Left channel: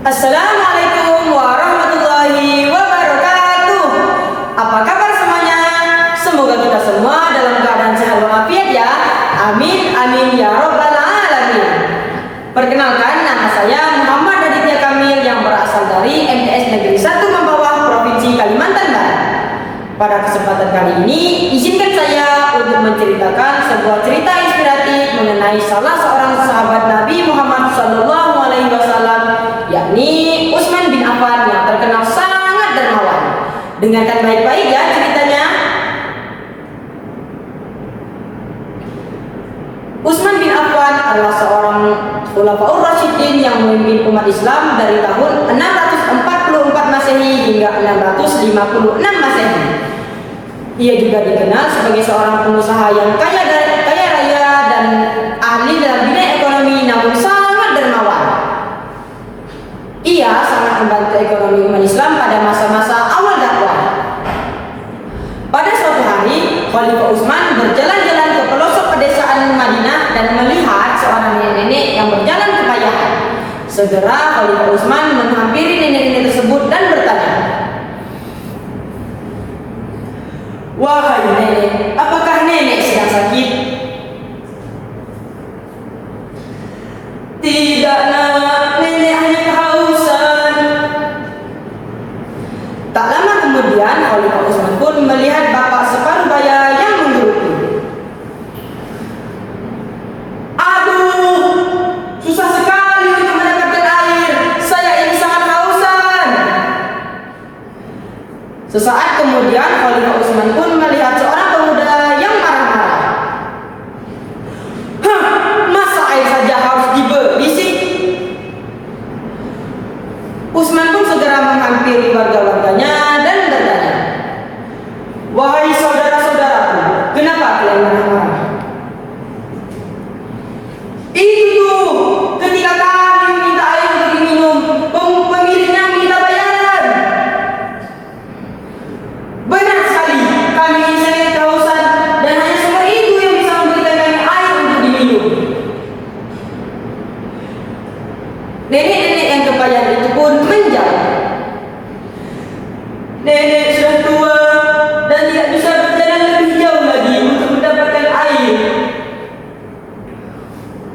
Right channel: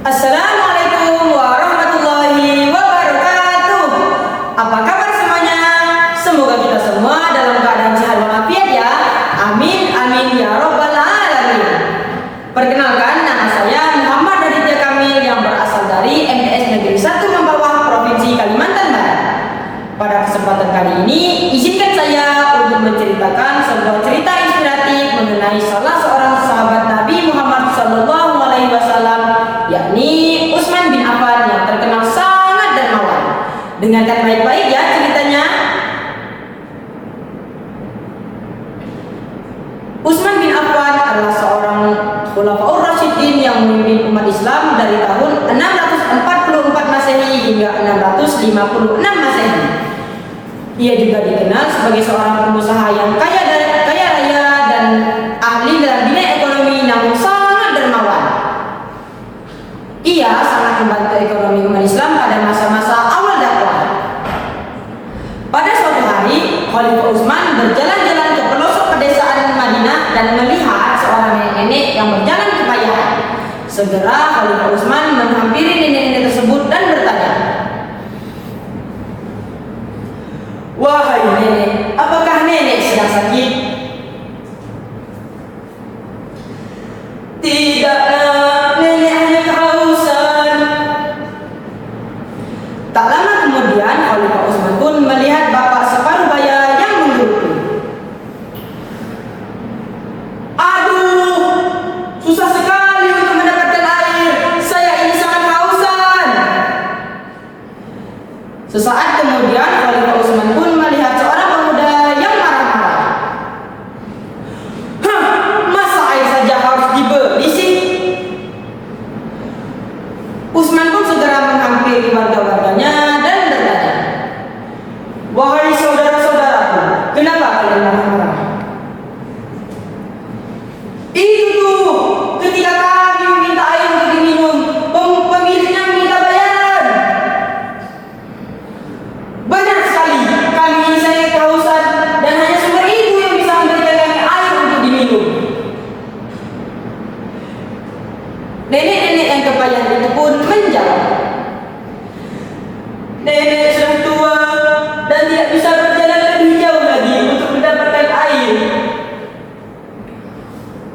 Assalamualaikum warahmatullahi wabarakatuh. Apa kabar semuanya? Semoga kita semua dalam keadaan sehat walafiat ya. Amin amin ya robbal alamin. Perkenalkan, nama saya Muhammad Aditya Kamil yang berasal dari MTS Negeri 1 Mambawah, Provinsi Kalimantan Barat. Pada kesempatan kali ini, izinkan saya untuk menceritakan sebuah cerita inspiratif mengenai salah seorang sahabat Nabi Muhammad SAW, yakni Utsman bin Affan yang terkenal sangat dermawan. Dengarkan baik-baik ya ceritanya. Utsman bin Affan adalah seorang Khulafaur Rasyidin yang memimpin umat Islam dari tahun 644 Masehi hingga 656 Masehi. Ia juga dikenal sebagai seorang pengusaha yang kaya raya dan ahli dalam bidang ekonomi, namun sangat dermawan. Ia sangat membantu ekonomi umat Islam pada masa-masa awal dakwah. Pada suatu hari, Khalifah Utsman berjalan-jalan ke pelosok pedesaan Madinah dan melihat seorang nenek-nenek yang berjalan kepayahan. Segera Khalifah Utsman menghampiri nenek-nenek tersebut dan bertanya, "Wahai nenek, apakah nenek sedang sakit?" "Tidak nak, nenek hanya kehausan." Tak lama kemudian Khalifah Utsman pun melihat bapak separuh baya yang menggerutu. "Aduh, susah sekali untuk mendapatkan air. Saya ini sangat kehausan." Sesaat kemudian Khalifah Utsman pun melihat seorang pemuda yang marah-marah. "Hah, masa air saja harus dibeli sih?" Utsman pun segera menghampiri warga-warganya dan bertanya, "Wahai saudara-saudaraku, kenapa kalian marah-marah?" "Itu, ketika kami minta air untuk diminum, pemiliknya minta bayaran." "Benar sekali, kami ini sangat kehausan dan hanya sumber itu yang bisa memberikan kami air untuk diminum." Nenek-nenek yang kepayahan itu pun menjawab, "Nenek sudah tua dan tidak bisa berjalan lebih jauh lagi untuk mendapatkan air."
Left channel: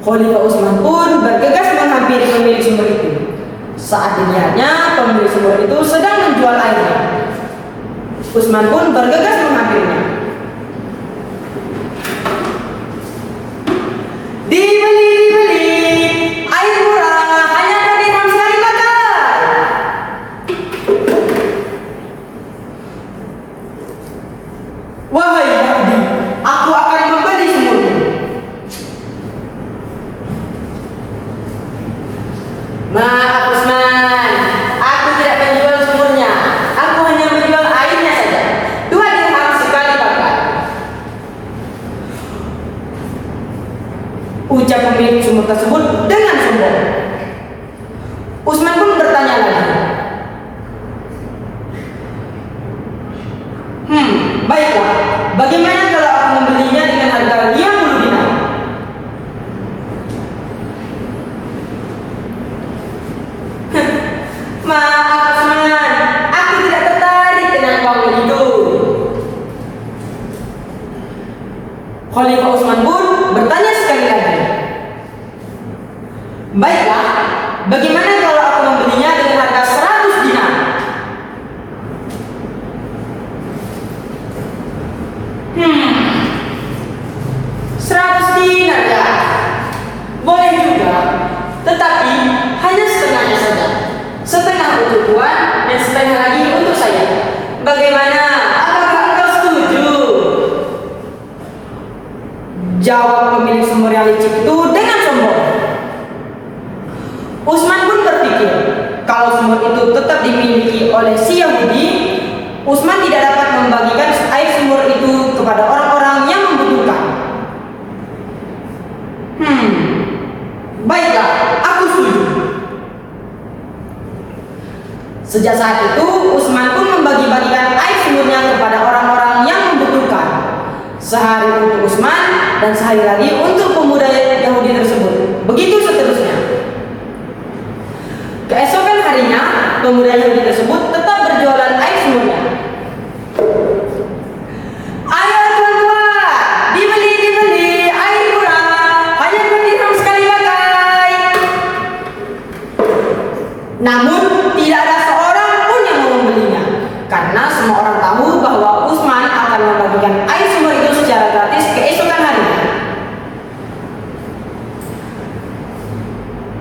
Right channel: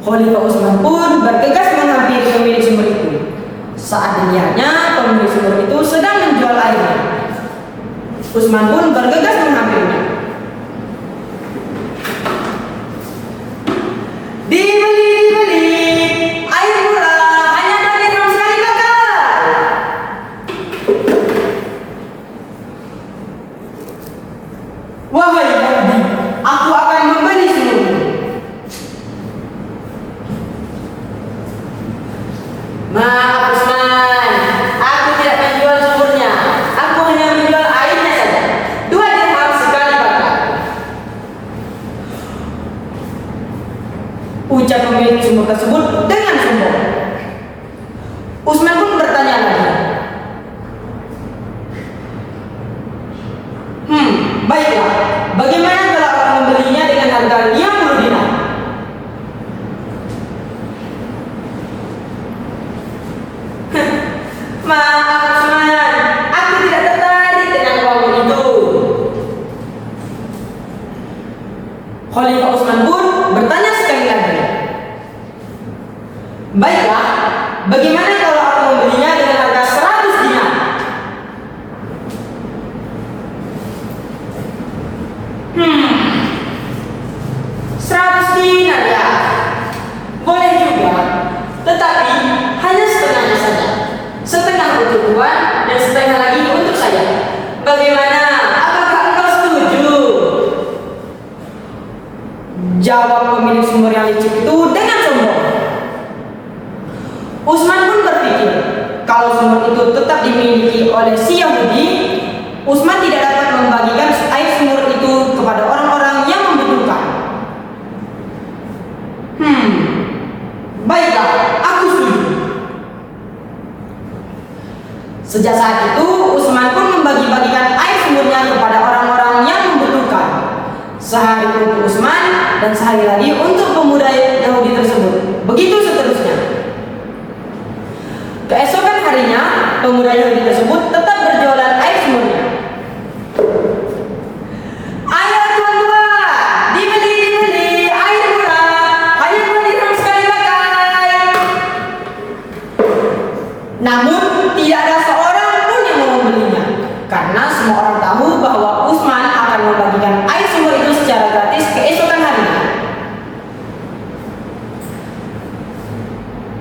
Khalifah Utsman pun bergegas menghampiri pemilik sumur itu. Saat dilihatnya pemilik sumur itu sedang menjual airnya, Utsman pun bergegas menghampirinya. Dibeli, air murah, hanya dari dirham sekali pakai." "Wahai Abdi, aku akan membeli sumurmu." "Maaf Utsman, aku tidak menjual sumurnya. Aku hanya menjual airnya saja. 2 dirham sekali pakai." Ucap pemilik sumur tersebut dengan sombong. Utsman pun bertanya lagi, "Baiklah, bagaimana kalau aku membelinya dengan harga 50 dinar?" "Maaf Utsman, aku tidak tertarik dengan uang itu." Khalifah Utsman pun bertanya sekali lagi, "Baiklah, bagaimana kalau aku membelinya dengan harga 100 dinar?" "100 dinar ya? Boleh juga, tetapi hanya setengahnya saja. Setengah untuk tuan dan setengah lagi untuk saya. Bagaimana? Apakah engkau setuju?" Jawab pemilik sumur yang licik itu dengan sombong. Utsman pun berpikir, kalau sumur itu tetap dimiliki oleh si Yahudi, Utsman tidak dapat membagikan air sumur itu kepada orang-orang yang membutuhkan. Baiklah, aku setuju." Sejak saat itu, Utsman pun membagi-bagikan air sumurnya kepada orang-orang yang membutuhkan. Sehari untuk Utsman dan sehari lagi untuk pemuda Yahudi tersebut. Begitu seterusnya. Keesokan harinya, pemuda Yahudi tersebut tetap berjualan air sumurnya. Ayo tuan-tuan, dibeli, air murah, hanya 2 dirham sekali pakai. Namun tidak ada seorang pun yang mau membelinya, karena semua orang tahu bahwa Utsman akan membagikan air sumur itu secara gratis keesokan harinya.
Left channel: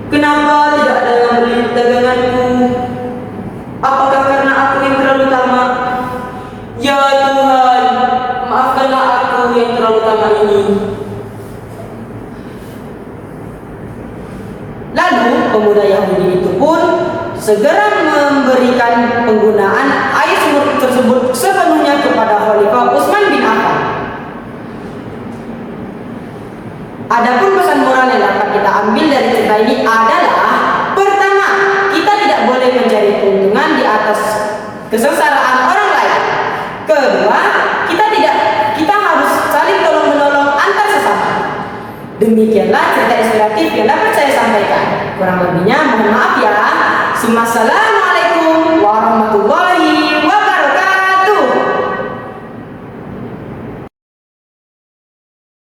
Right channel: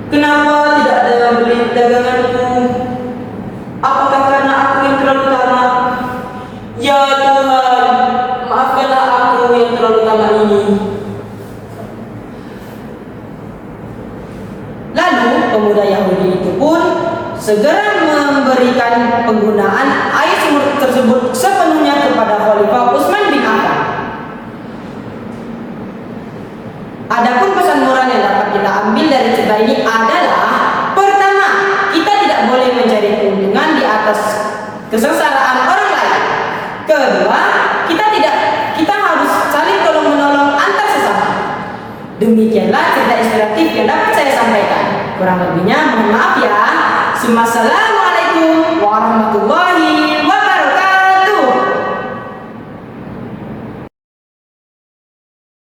Kenapa tidak ada yang beli daganganku? Apakah karena aku yang terlalu tamak? Ya Tuhan, maafkanlah aku yang terlalu tamak ini. Lalu pemuda Yahudi itu pun segera memberikan penggunaan air sumur tersebut sepenuhnya kepada Khalifah Utsman bin Affan. Adapun pesan moral yang dapat kita ambil dari cerita ini adalah: pertama, kita tidak boleh mencari keuntungan di atas kesengsaraan orang lain. Kedua, kita harus saling tolong menolong antar sesama. Demikianlah cerita inspiratif yang dapat saya sampaikan. Kurang lebihnya mohon maaf ya. Assalamualaikum warahmatullahi